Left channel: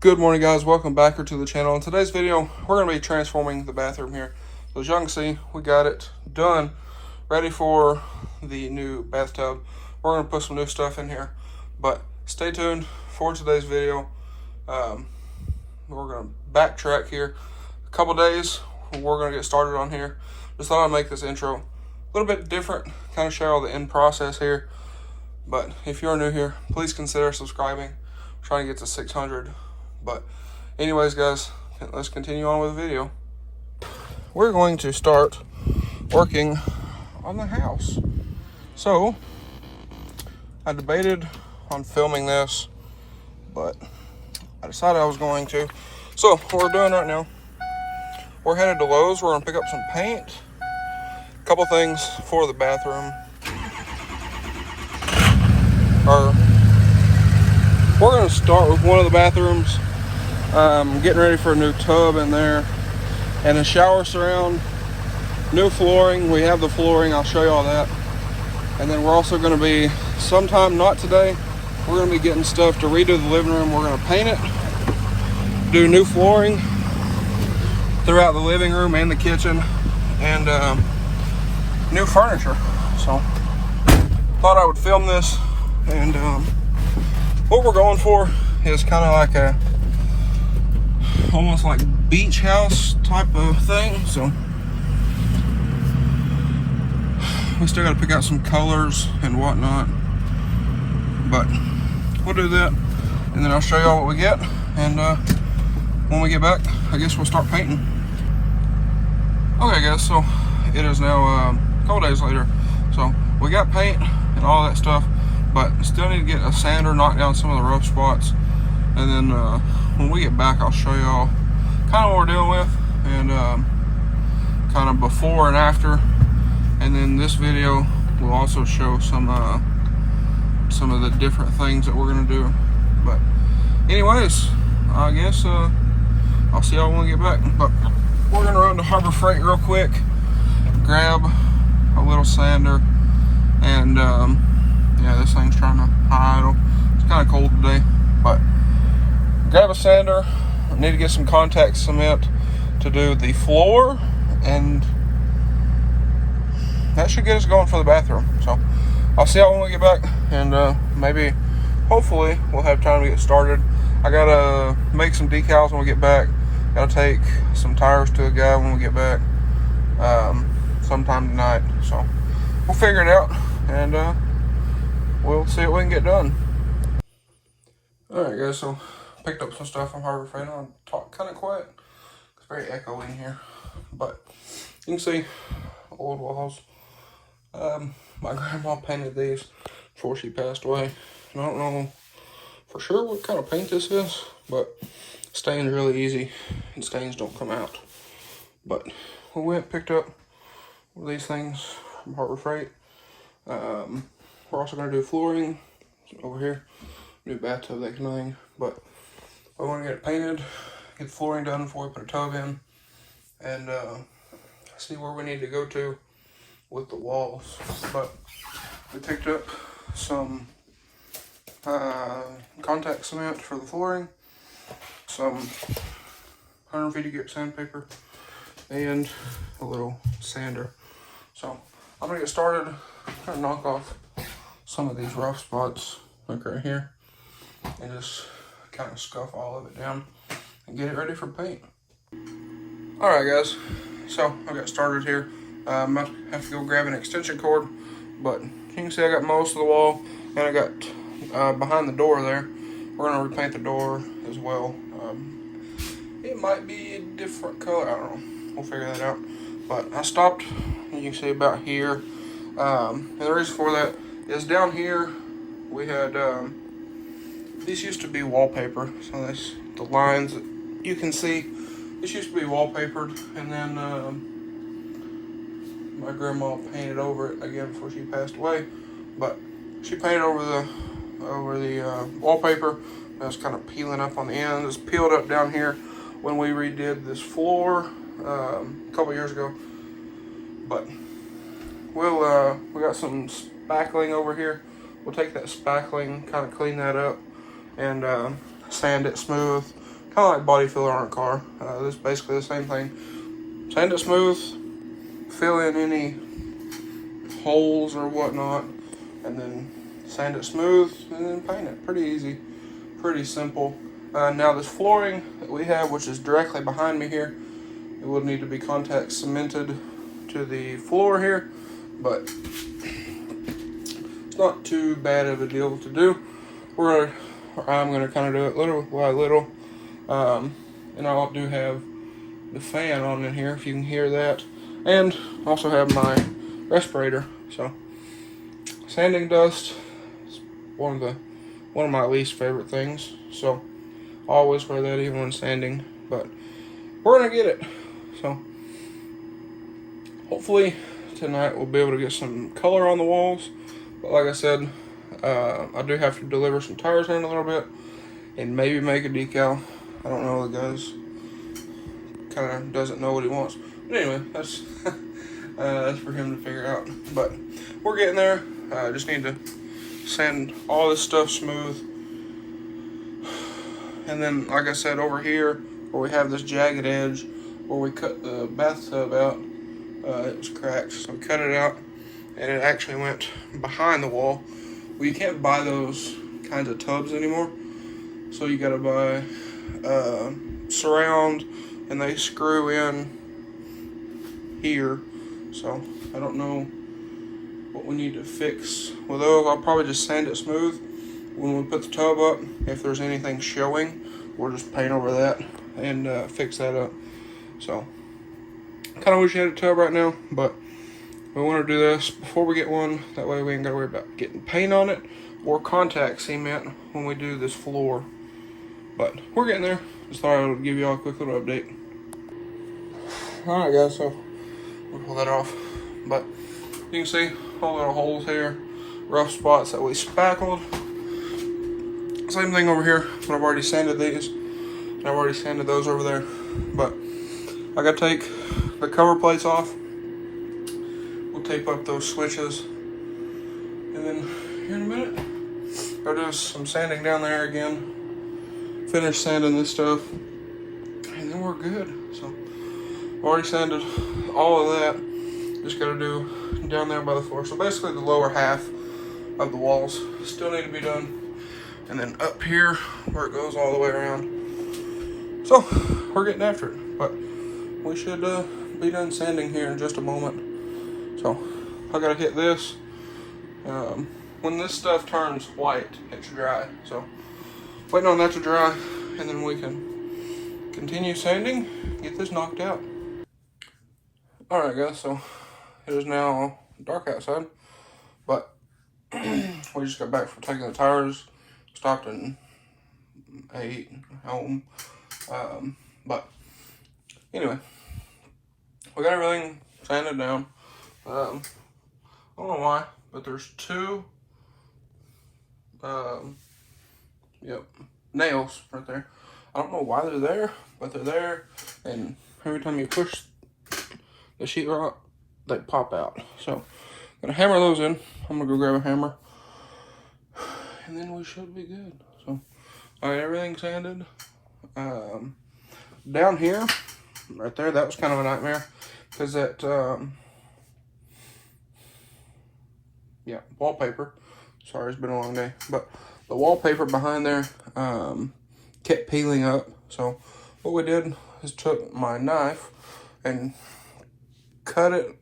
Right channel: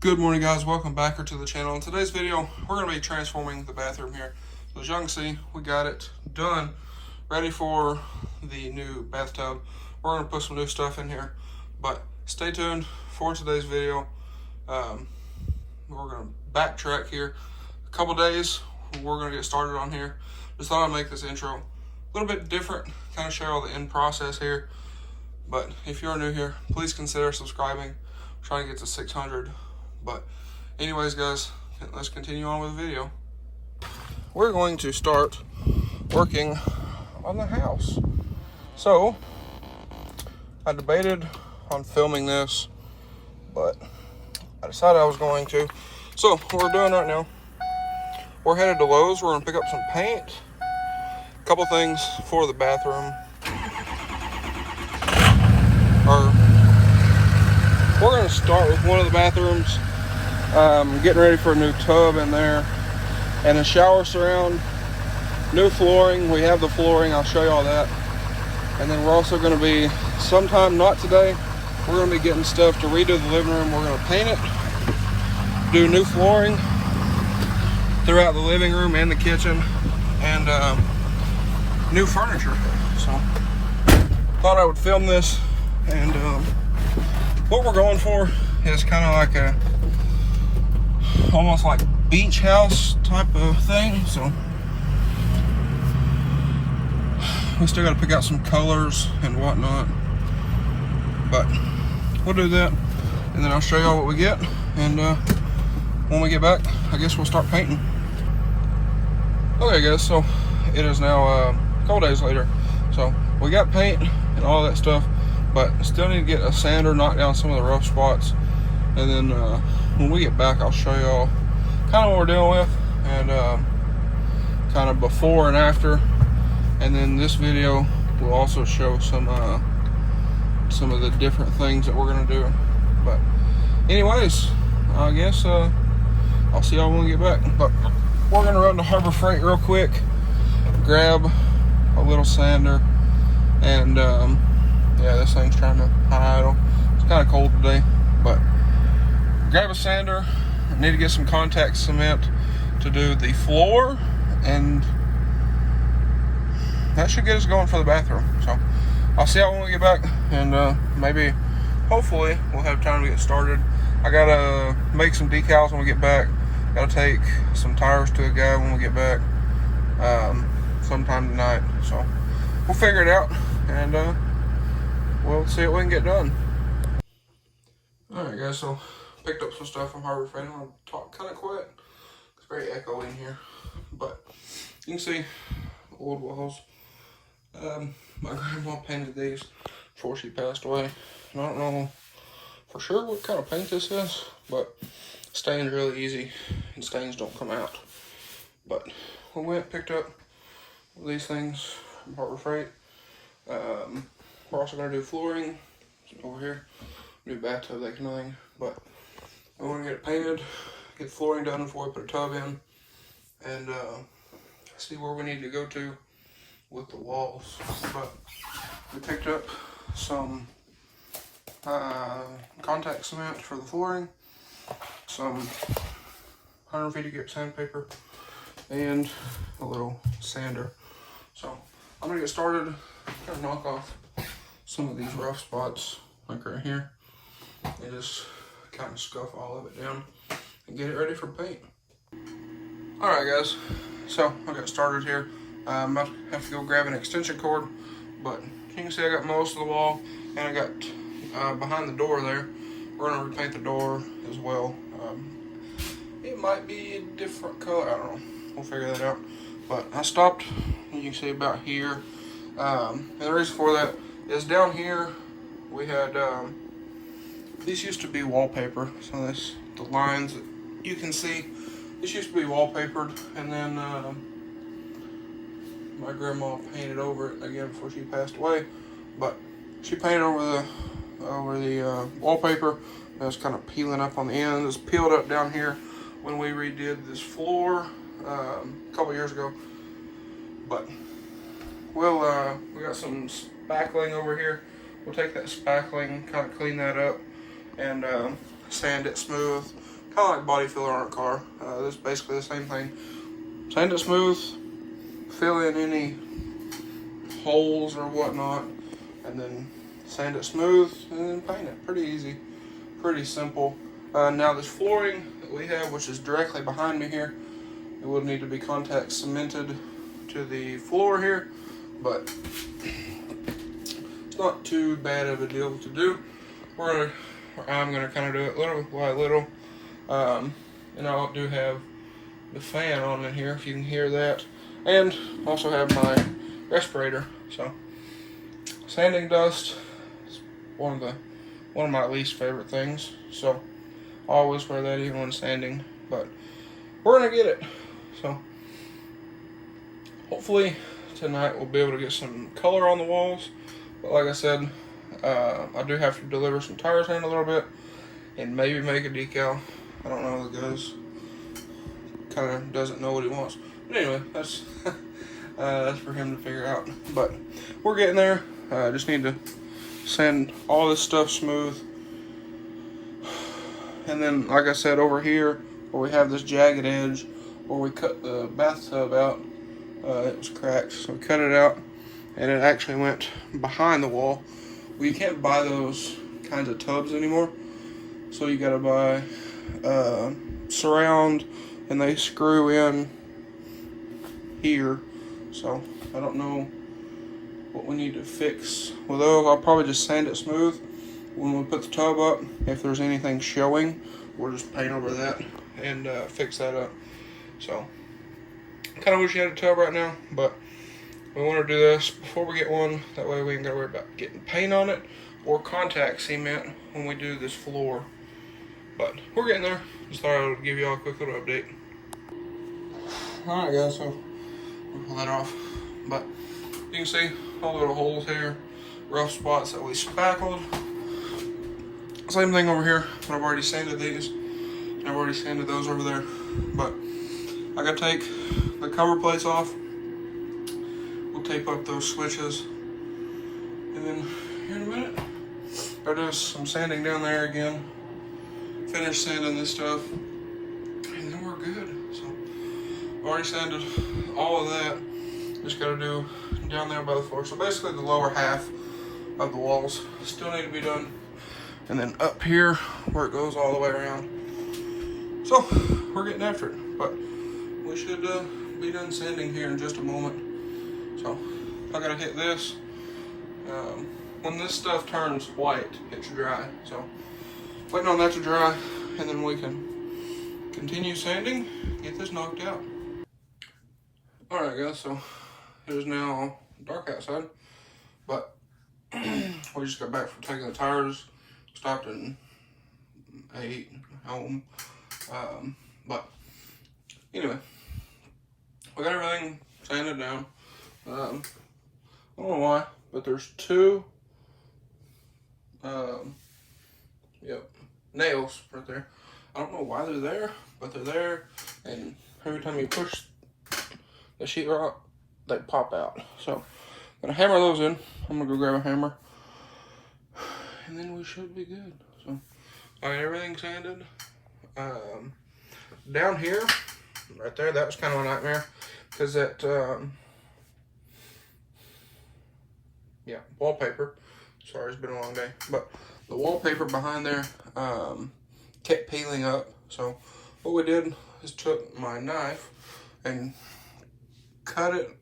Good morning, guys. Welcome back to the channel. In today's video, we're going to be transforming the bathroom here. So as you can see, we got it done, ready for the new bathtub. We're going to put some new stuff in here, but stay tuned for today's video. We're going to backtrack here a couple days. We're going to get started on here. Just thought I'd make this intro a little bit different, kind of share all the end process here. But if you're new here, please consider subscribing. We're trying to get to 600. But anyways, guys, let's continue on with the video. We're going to start working on the house. So I debated on filming this, but I decided I was going to. So what we're doing right now, we're headed to Lowe's. We're gonna pick up some paint, a couple things for the bathroom. We're gonna start with one of the bathrooms. Getting ready for a new tub in there and a shower surround, new flooring. We have the flooring, I'll show you all that. And then we're also going to be, sometime not today, we're going to be getting stuff to redo the living room. We're going to paint it, do new flooring throughout the living room and the kitchen, and new furniture. So thought I would film this, and what we're going for is kind of like a almost like beach house type of thing. So we still got to pick out some colors and whatnot, but we'll do that, and then I'll show y'all what we get. And when we get back, I guess we'll start painting. Okay, guys, so it is now a couple days later. So we got paint and all that stuff, but still need to get a sander, knock down some of the rough spots, and then when we get back, I'll show y'all kind of what we're dealing with, and kind of before and after. And then this video will also show some of the different things that we're gonna do. But anyways, I guess I'll see y'all when we get back. But we're gonna run to Harbor Freight real quick, grab a little sander, and yeah, this thing's trying to idle. It's kind of cold today, but grab a sander. Need to get some contact cement to do the floor, and that should get us going for the bathroom. So I'll see y'all when we get back, and maybe, hopefully, we'll have time to get started. I gotta make some decals when we get back. Gotta take some tires to a guy when we get back, sometime tonight. So we'll figure it out, and we'll see what we can get done. Alright, guys, so picked up some stuff from Harbor Freight. I'm gonna talk kind of quiet. It's very echoey in here, but you can see old walls. My grandma painted these before she passed away. And I don't know for sure what kind of paint this is, but staining is really easy and stains don't come out. But we went and picked up these things from Harbor Freight. We're also gonna do flooring over here, new bathtub, that kind of thing. But we want to get it painted, get flooring done before we put a tub in, and see where we need to go to with the walls. But we picked up some contact cement for the flooring, some 150 grit sandpaper, and a little sander. So I'm gonna get started, try to knock off some of these rough spots, like right here, and just kind of scuff all of it down and get it ready for paint. Alright, guys, so I got started here. I have to go grab an extension cord, but you can see I got most of the wall, and I got behind the door there. We're going to repaint the door as well. It might be a different color, I don't know, we'll figure that out. But I stopped, you can see about here, and the reason for that is down here we had these used to be wallpaper, so this, the lines that you can see, this used to be wallpapered, and then my grandma painted over it again before she passed away. But she painted over the wallpaper. It was kind of peeling up on the end. It was peeled up down here when we redid this floor a couple years ago. But we got some spackling over here. We'll take that spackling, kind of clean that up, and sand it smooth kind of like body filler on a car. This is basically the same thing. Sand it smooth, fill in any holes or whatnot, and then sand it smooth, and then paint it. Pretty easy, pretty simple. Now this flooring that we have, which is directly behind me here, it will need to be contact cemented to the floor here, but it's not too bad of a deal to do. I'm gonna kind of do it little by little. And I do have the fan on in here, if you can hear that, and also have my respirator. So sanding dust is one of my least favorite things, so I always wear that even when sanding, but we're gonna get it. So hopefully tonight we'll be able to get some color on the walls, but like I said, I do have to deliver some tires here in a little bit and maybe make a decal. I don't know, the guy's kind of doesn't know what he wants. But anyway, that's for him to figure out. But we're getting there. Just need to sand all this stuff smooth. And then, like I said, over here, where we have this jagged edge, where we cut the bathtub out, it was cracked. So we cut it out, and it actually went behind the wall. Well, you can't buy those kinds of tubs anymore. So you gotta buy surround, and they screw in here. So I don't know what we need to fix with those. I'll probably just sand it smooth when we put the tub up. If there's anything showing, we'll just paint over that and fix that up. So kind of wish you had a tub right now, but we want to do this before we get one. That way we ain't got to worry about getting paint on it or contact cement when we do this floor. But we're getting there. Just thought I would give you all a quick little update. Alright guys, so we'll pull that off. But you can see all little holes here, rough spots that we spackled. Same thing over here, but I've already sanded these. I've already sanded those over there. But I gotta take the cover plates off. We'll tape up those switches. And then here in a minute, I'll do some sanding down there again. Finish sanding this stuff, and then we're good. So already sanded all of that. Just gotta do down there by the floor. So basically the lower half of the walls still need to be done, and then up here where it goes all the way around. So we're getting after it, but we should be done sanding here in just a moment. So I gotta hit this. When this stuff turns white, it's dry. So waiting on that to dry, and then we can continue sanding, get this knocked out. Alright guys, so it is now dark outside, but we just got back from taking the tires, stopped and ate home. But anyway, we got everything sanded down. I don't know why, but there's two nails right there. I don't know why they're there, but they're there, and every time you push the sheetrock, they pop out. So I'm gonna hammer those in. I'm gonna go grab a hammer, and then we should be good. So I got everything sanded. Down here, right there, that was kind of a nightmare, because that wallpaper. Sorry, it's been a long day, but the wallpaper behind there kept peeling up. So what we did is took my knife and cut it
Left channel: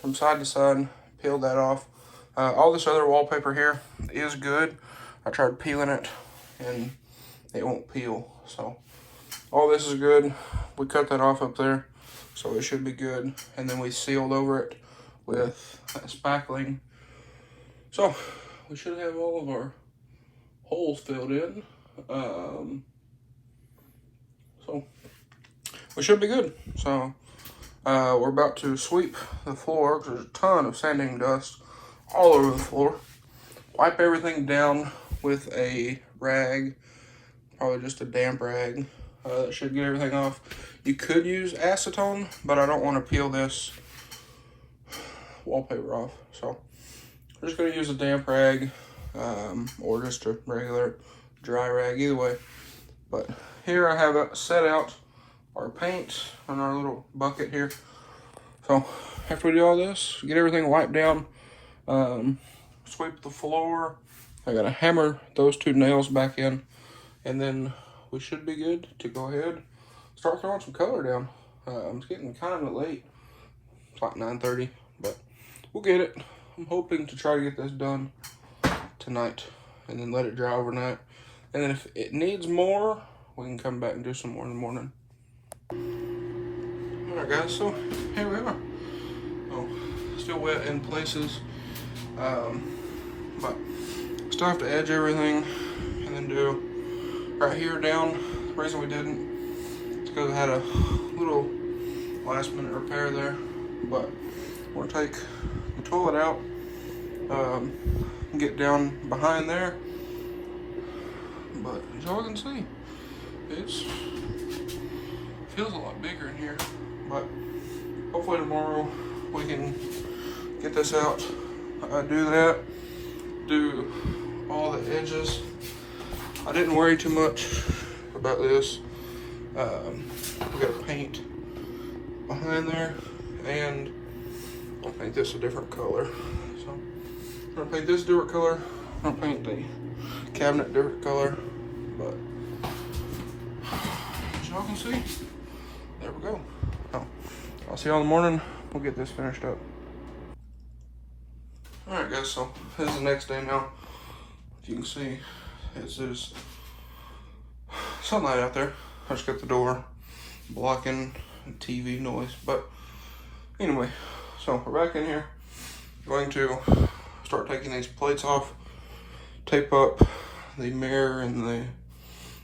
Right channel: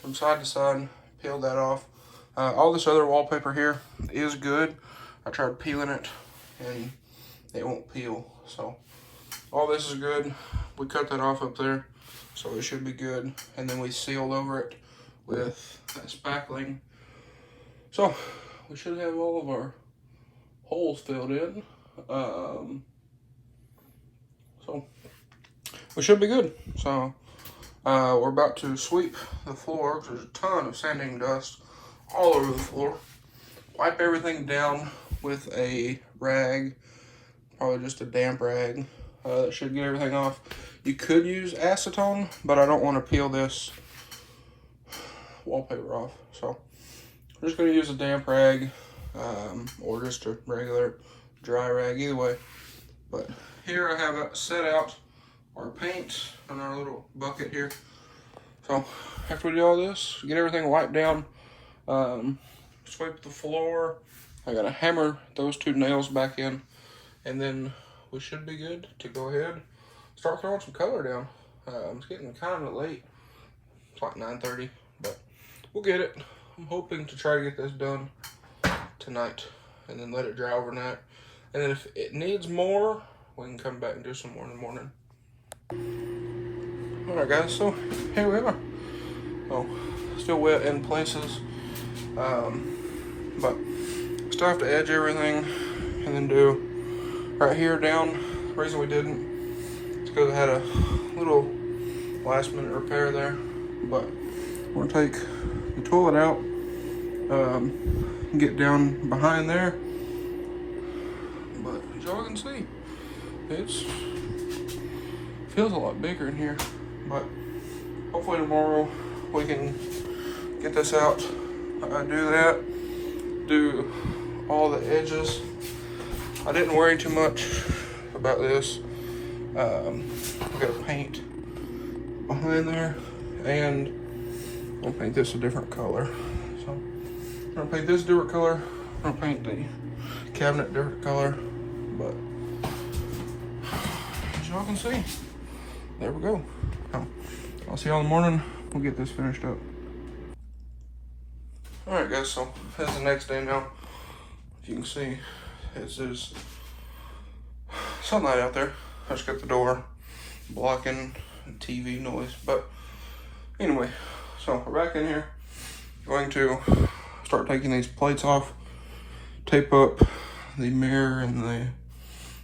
from side to side, peeled that off. All this other wallpaper here is good. I tried peeling it and it won't peel. So all this is good. We cut that off up there, so it should be good. And then we sealed over it with spackling. So we should have all of our holes filled in. So we should be good. So we're about to sweep the floor, because there's a ton of sanding dust all over the floor. Wipe everything down with a rag, probably just a damp rag. That should get everything off. You could use acetone, but I don't want to peel this wallpaper off. So I'm just going to use a damp rag, or just a regular dry rag, either way. But here I have set out our paint on our little bucket here. So after we do all this, get everything wiped down, sweep the floor. I gotta hammer those 2 nails back in, and then we should be good to go ahead and start throwing some color down. It's getting kind of late. It's like 9:30, but we'll get it. I'm hoping to try to get this done tonight and then let it dry overnight. And then if it needs more, we can come back and do some more in the morning. Alright guys, so here we are. Oh, still wet in places. But still have to edge everything and then do right here down. The reason we didn't is because I had a little last minute repair there. But we're gonna take the toilet out, get down behind there. But as y'all can see, it feels a lot bigger in here. But hopefully tomorrow we can get this out, do that, do all the edges. I didn't worry too much about this. We got paint behind there, and I'll paint this a different color. So I'm gonna paint this a different color. I'm gonna paint the cabinet a different color. But as y'all can see, there we go. I'll see y'all in the morning. We'll get this finished up. Alright guys, so this is the next day now. As you can see, there's sunlight out there. I just got the door blocking TV noise. But anyway, so we're back in here. Going to start taking these plates off, tape up the mirror and the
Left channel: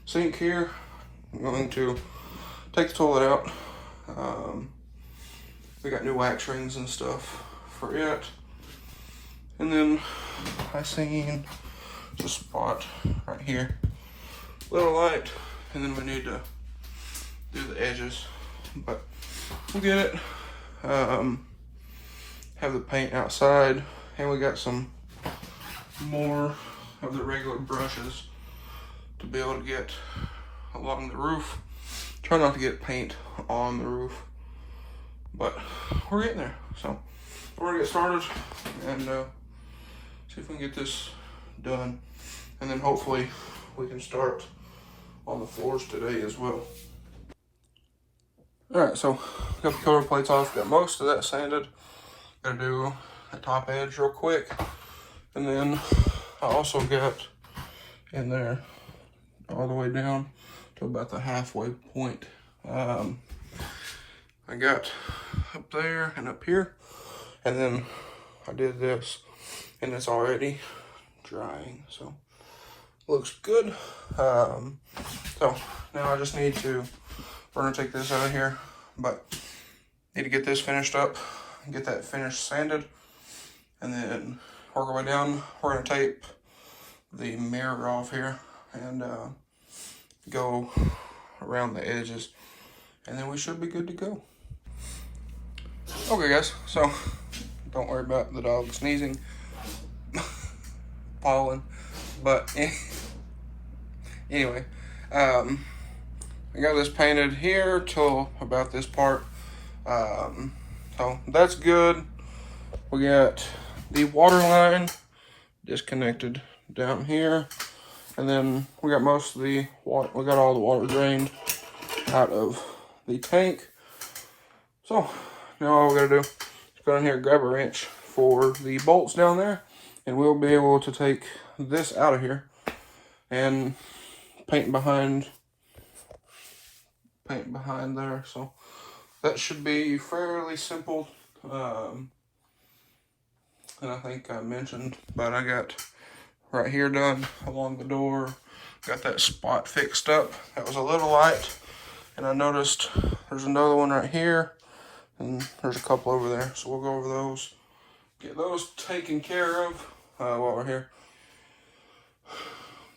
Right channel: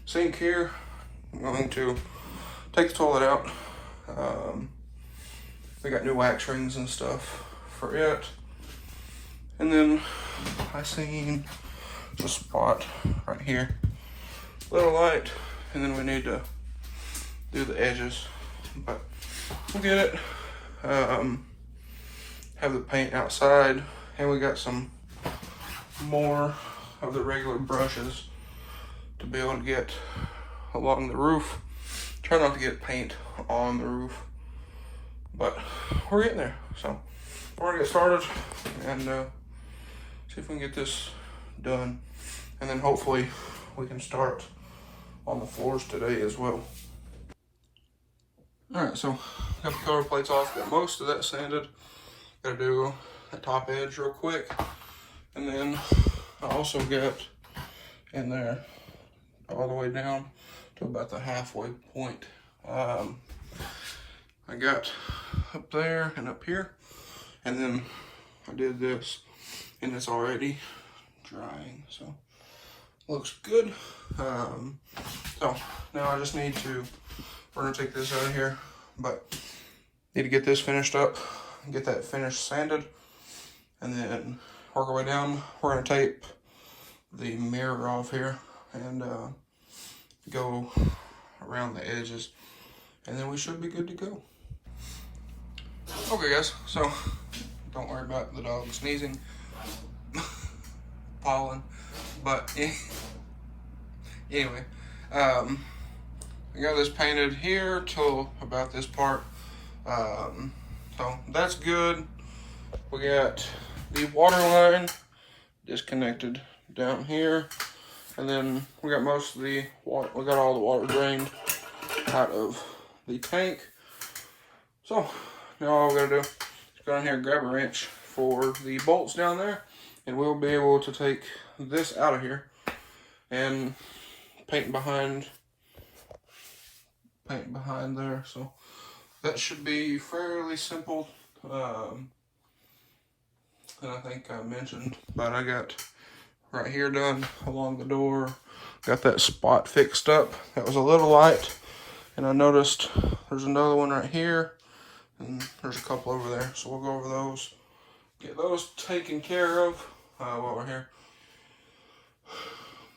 sink here. I'm going to take the toilet out. We got new wax rings and stuff for it. And then I seen the spot right here, little light, and then we need to do the edges, but we'll get it. Have the paint outside, and we got some more of the regular brushes to be able to get along the roof. Try not to get paint on the roof, but we're getting there. So we're gonna get started and see if we can get this done, and then hopefully we can start on the floors today as well. All right, so got the cover plates off, got most of that sanded. Gotta do the top edge real quick, and then I also got in there all the way down to about the halfway point. I got up there and up here, and then I did this, and it's already drying, so looks good. So now I just need to, we're gonna take this out of here, but need to get this finished up, get that finished sanded, and then work our way down. We're gonna tape the mirror off here and go around the edges, and then we should be good to go. Okay guys, so don't worry about the dog sneezing, pollen, but anyway, I got this painted here till about this part, so that's good. We got the water line disconnected down here, and then we got most of the water, we got all the water drained out of the tank. So now all we gotta do is go down here and grab a wrench for the bolts down there, and we'll be able to take this out of here and paint behind there. So that should be fairly simple. And I think I mentioned, but I got right here done along the door. Got that spot fixed up. That was a little light, and I noticed there's another one right here, and there's a couple over there. So we'll go over those, get those taken care of while we're here.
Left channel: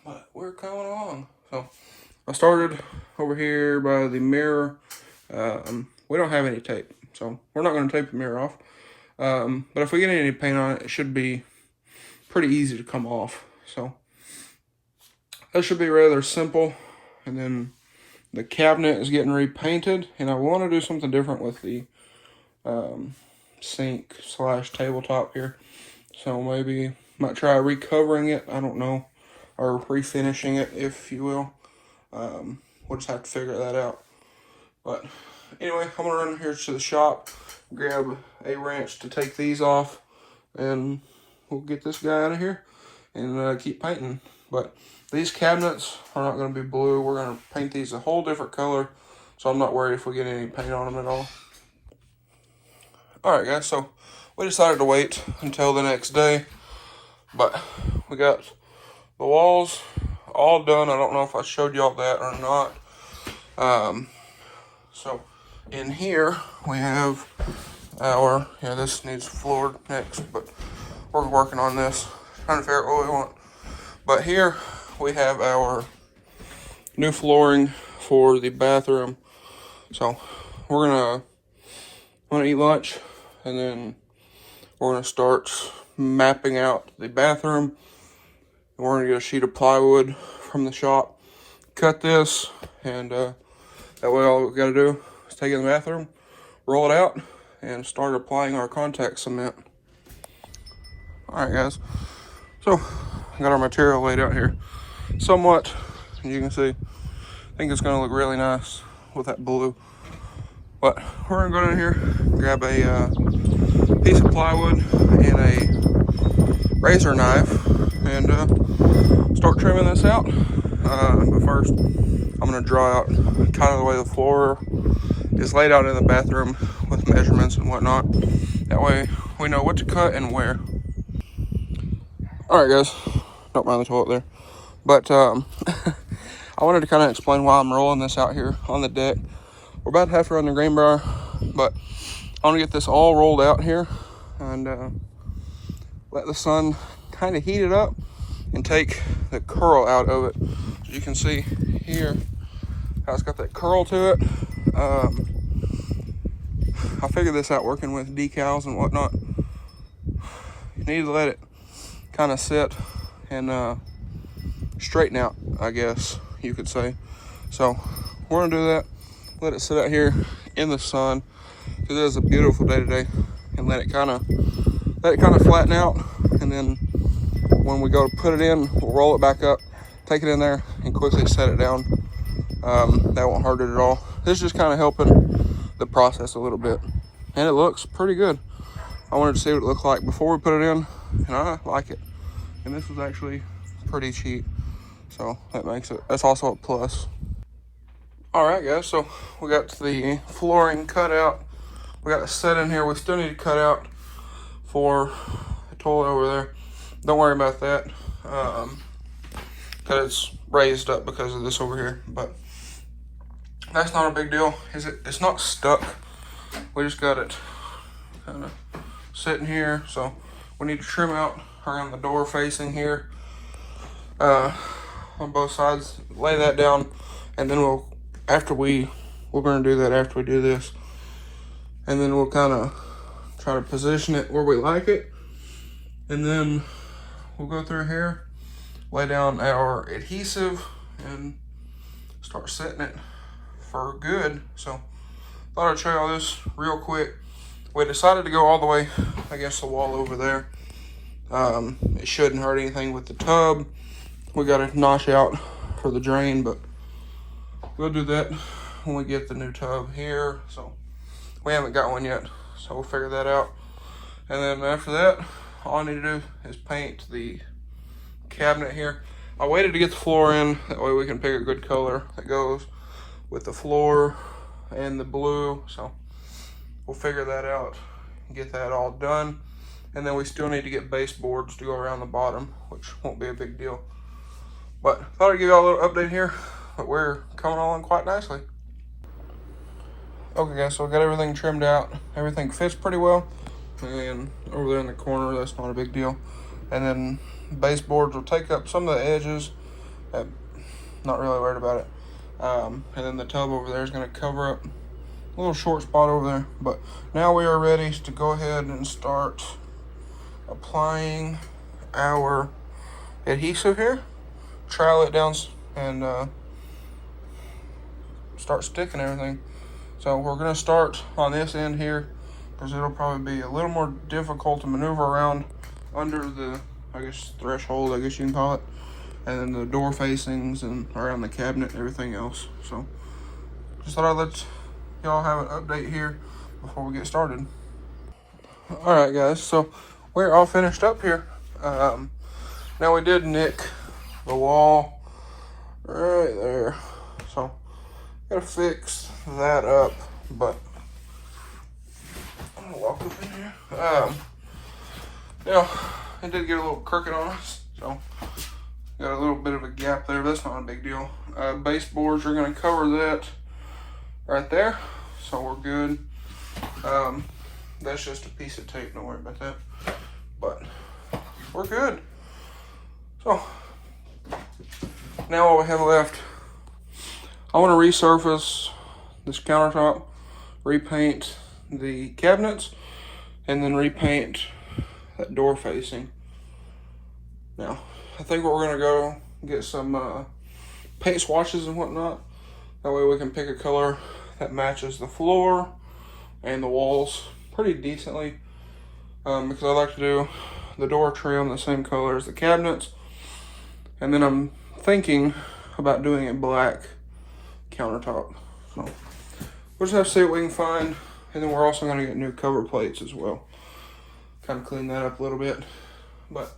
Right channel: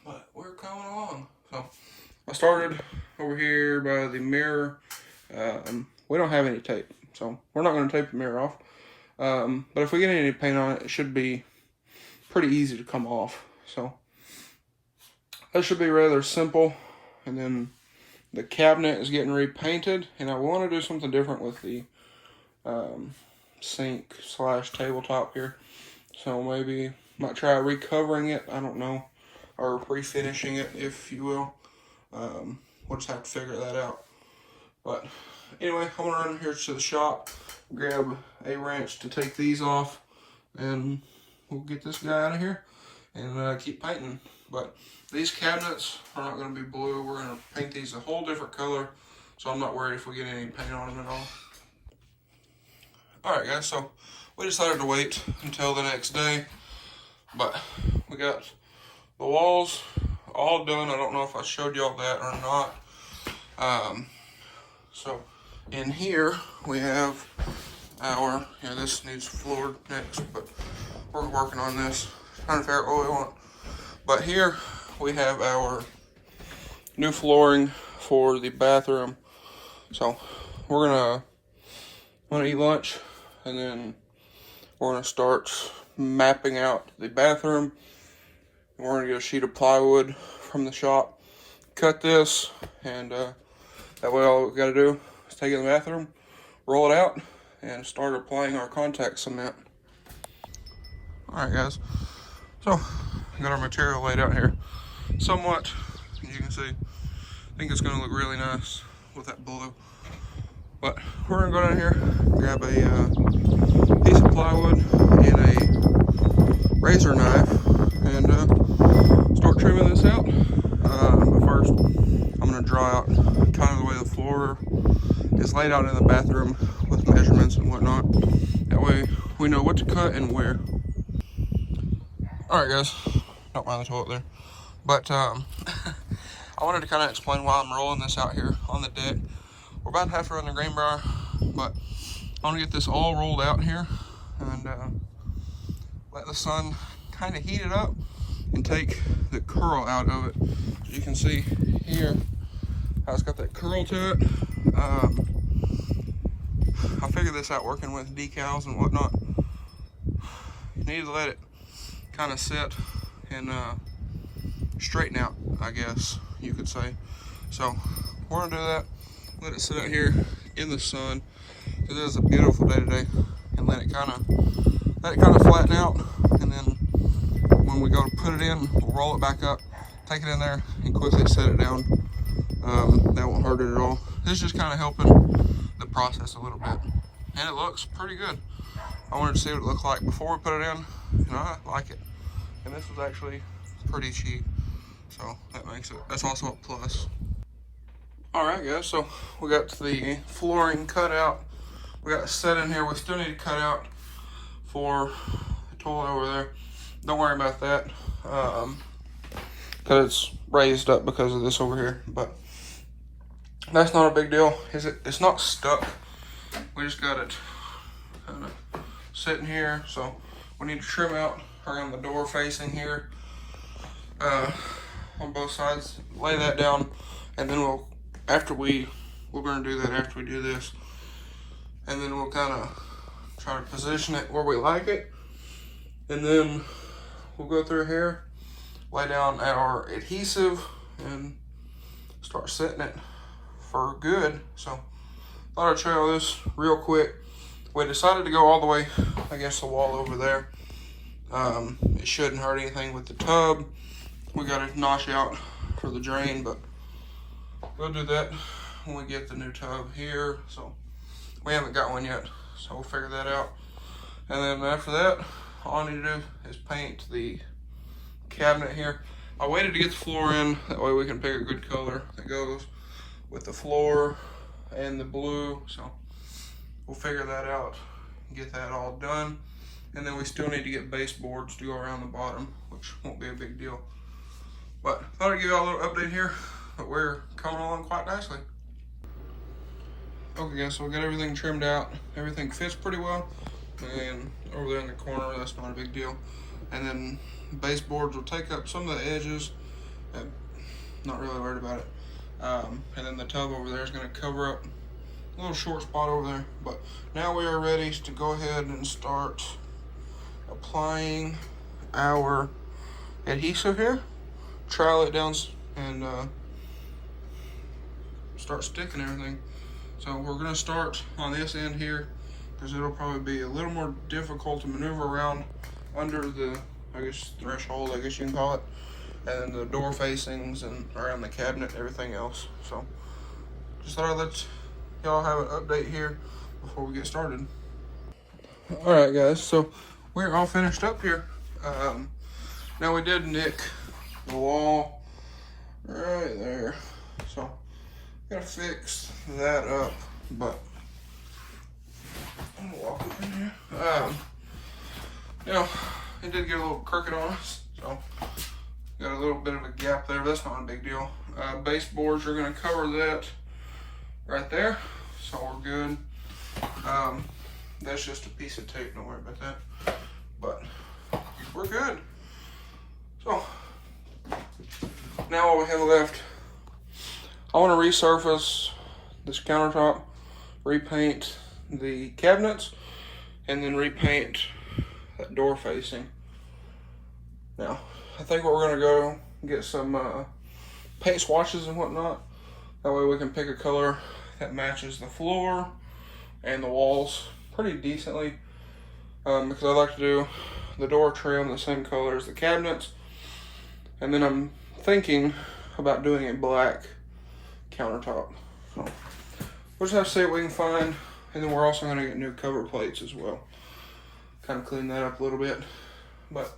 But we're coming along. So I started over here by the mirror. We don't have any tape, so we're not going to tape the mirror off. But if we get any paint on it, it should be pretty easy to come off. So that should be rather simple. and then the cabinet is getting repainted, and I want to do something different with the sink slash tabletop here. So maybe might try recovering it, I don't know, or refinishing it, if you will. We'll just have to figure that out. But anyway, I'm gonna run here to the shop, grab a wrench to take these off, and we'll get this guy out of here and keep painting. But these cabinets are not gonna be blue. We're gonna paint these a whole different color, so I'm not worried if we get any paint on them at all. All right, guys, so we decided to wait until the next day, but we got the walls all done. I don't know if I showed y'all that or not. So in here we have our, this needs floored next, but we're working on this, trying to figure out what we want. But here we have our new flooring for the bathroom. So we're gonna eat lunch, and then we're gonna start mapping out the bathroom. And we're gonna get a sheet of plywood from the shop, cut this, and that way all we gotta do is take it in the bathroom, roll it out, and start applying our contact cement. All right, guys, so I got our material laid out here somewhat, and you can see, I think it's gonna look really nice with that blue. But we're gonna go down here, grab a piece of plywood and a razor knife, and start trimming this out. But first, I'm gonna draw out kind of the way the floor is laid out in the bathroom with measurements and whatnot. That way we know what to cut and where. All right, guys, don't mind the toilet there. But I wanted to kind of explain why I'm rolling this out here on the deck. We're about to have to run the greenbrier, but I want to get this all rolled out here and let the sun kind of heat it up and take the curl out of it. You can see here how it's got that curl to it. I figured this out working with decals and whatnot. You need to let it kind of sit and straighten out, I guess you could say. So we're gonna do that, let it sit out here in the sun, because it is a beautiful day today, and let it kind of flatten out. And then when we go to put it in, we'll roll it back up, take it in there, and quickly set it down. That won't hurt it at all. This is just kind of helping the process a little bit, and it looks pretty good. I wanted to see what it looked like before we put it in, and I like it. And this was actually pretty cheap, so that's also a plus. All right, guys, so we got the flooring cut out. We got a set in here. We still need to cut out for the toilet over there. Don't worry about that, because it's raised up because of this over here, but that's not a big deal. It's not stuck. We just got it kind of sitting here, so we need to trim out around the door facing here on both sides, lay that down, and then we're going to do that after we do this, and then we'll kind of try to position it where we like it, and then we'll go through here, lay down our adhesive, and start setting it for good. So thought I'd show y'all this real quick. We decided to go all the way against the wall over there. It shouldn't hurt anything with the tub. We got to notch out for the drain, but we'll do that when we get the new tub here. So we haven't got one yet, so we'll figure that out. And then after that, all I need to do is paint the cabinet here. I waited to get the floor in, that way we can pick a good color that goes with the floor and the blue. So we'll figure that out and get that all done. And then we still need to get baseboards to go around the bottom, which won't be a big deal. But thought I'd give y'all a little update here, but we're coming along quite nicely. Okay, guys, so we got everything trimmed out. Everything fits pretty well. And over there in the corner, that's not a big deal. And then baseboards will take up some of the edges. Not really worried about it. And then the tub over there is going to cover up a little short spot over there. But now we are ready to go ahead and start applying our adhesive here. Trowel it down and start sticking everything. So we're gonna start on this end here, because it'll probably be a little more difficult to maneuver around under the, I guess, threshold, I guess you can call it, and then the door facings and around the cabinet and everything else. So just thought I'd let y'all have an update here before we get started. All right, guys, so we're all finished up here. Now we did nick the wall right there, so gotta fix that up, but I'm gonna walk up in here. Now it did get a little crooked on us, so got a little bit of a gap there. That's not a big deal. Baseboards are gonna cover that right there, so we're good. That's just a piece of tape, don't worry about that, but we're good. So now all we have left, I want to resurface this countertop, repaint the cabinets, and then repaint that door facing. Now, I think we're gonna go get some paint swatches and whatnot. That way we can pick a color that matches the floor and the walls pretty decently. Because I like to do the door trim the same color as the cabinets. And then I'm thinking about doing a black countertop. So we'll just have to see what we can find. And then we're also gonna get new cover plates as well. Kind of clean that up a little bit. But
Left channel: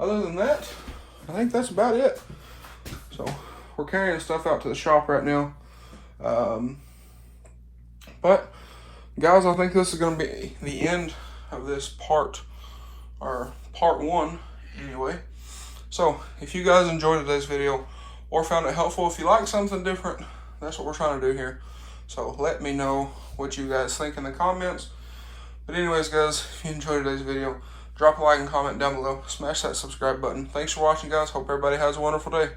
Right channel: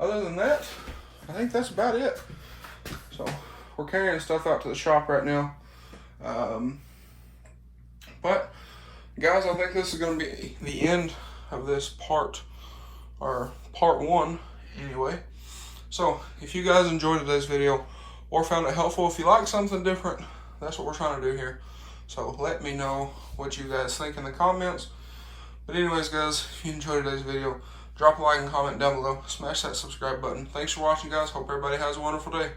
other than that, I think that's about it. So we're carrying stuff out to the shop right now. But guys, I think this is gonna be the end of this part, or part one anyway. So if you guys enjoyed today's video or found it helpful, if you like something different, that's what we're trying to do here. So let me know what you guys think in the comments. But anyways, guys, if you enjoyed today's video, drop a like and comment down below. Smash that subscribe button. Thanks for watching, guys. Hope everybody has a wonderful day.